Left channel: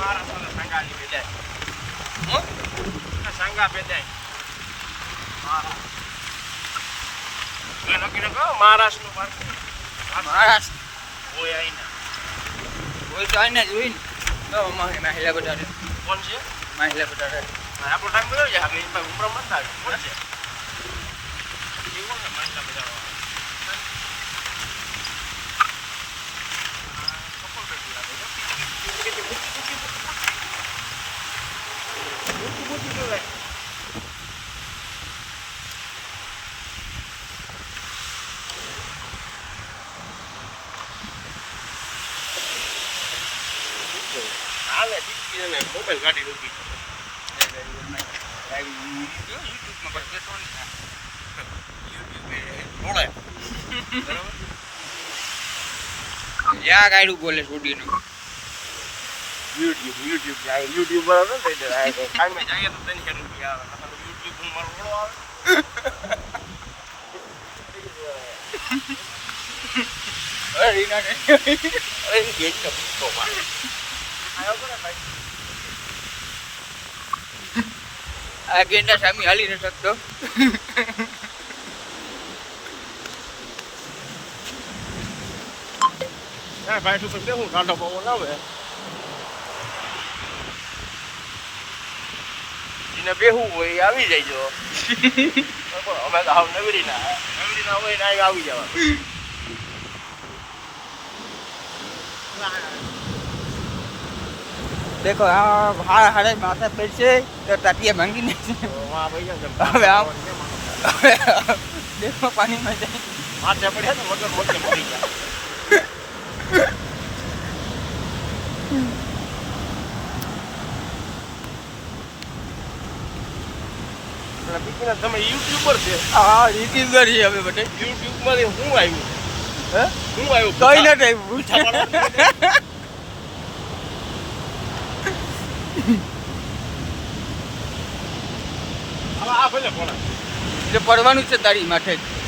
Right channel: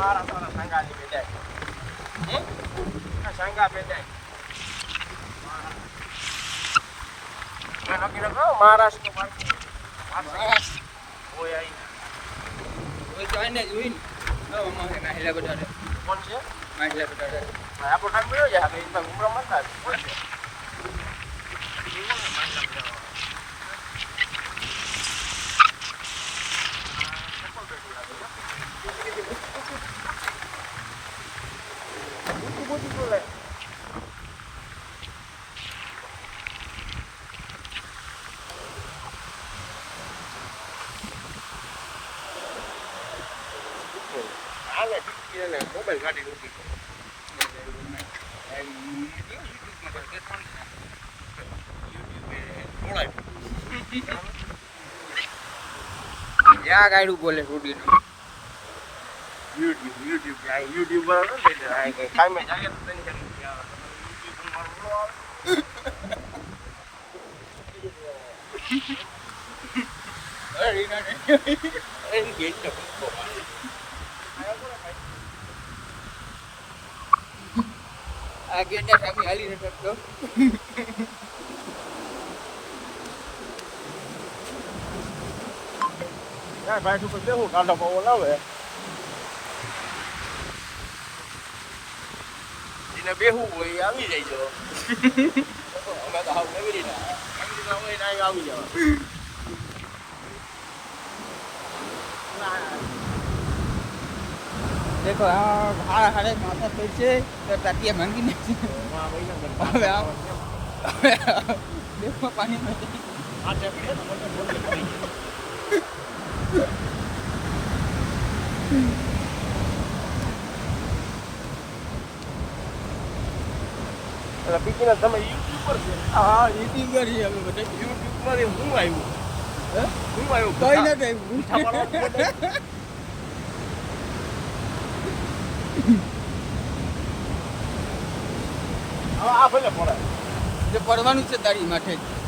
મહારાષ્ટ્ર જોઈને મહિલા બટાટે કોણ છે મહિલા બટાટે આપણો ટાઈમ મળ્યો છે આપણે ઉમરા મત થાય કોણ છે મોબાઈલ ગાડી રૂકી જ્યાં ગાડું બોલે સ્ટુડિયો યુટ્યુબ બરાબર ટાઈમે જઈએ તો તેની કે રૂપિયા આવે યુટ્યુબ મારો રોડો આવે આ ગેંડા સામે હાલી ન શકતો ભાઈ તું કેવું કાંટા પવો લાવે એને બેહું હોય એ આવી જાય જો અમે તો હાવ નવરી ના હોય ને આવી જવા देखो हारे माथा पे से तो तातिया भांगी नहीं वहाँ भाई હવે આમ देखो पानी में जाए माथे पड़े तो मगर मोटे मरी જાય પીપીને તમે યુટ્યુબર છે હા યુટ્યુબર છે હવે બટે યુટ્યુબ માંથી હું આવ્યું હે હું આવ્યું કઈ નથી આવ્યું આ ભલે પડાય એટલે પડવાનું છે તારી માથે જ